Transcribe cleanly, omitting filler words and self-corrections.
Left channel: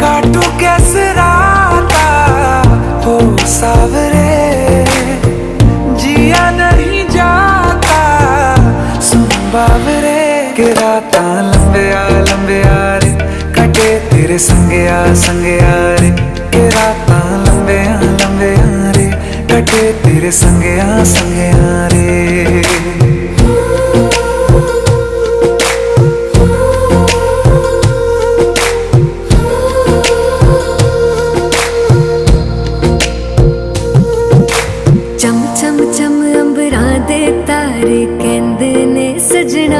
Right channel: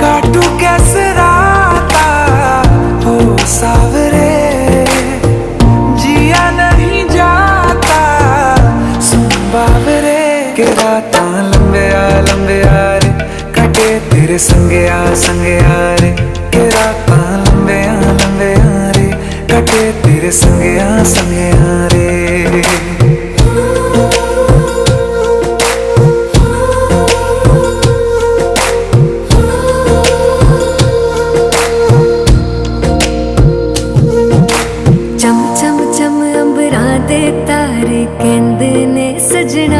काटू कैसे राता हो सावरे, जिया नहीं जाता सुन बावरे। के राता लंबे आ रे, कटे तेरे संगे आ रे। के राता लंबे आ रे, कटे तेरे संगे आ रे। चम चम चम अंबरां दे तारे कहंदे ने सजना,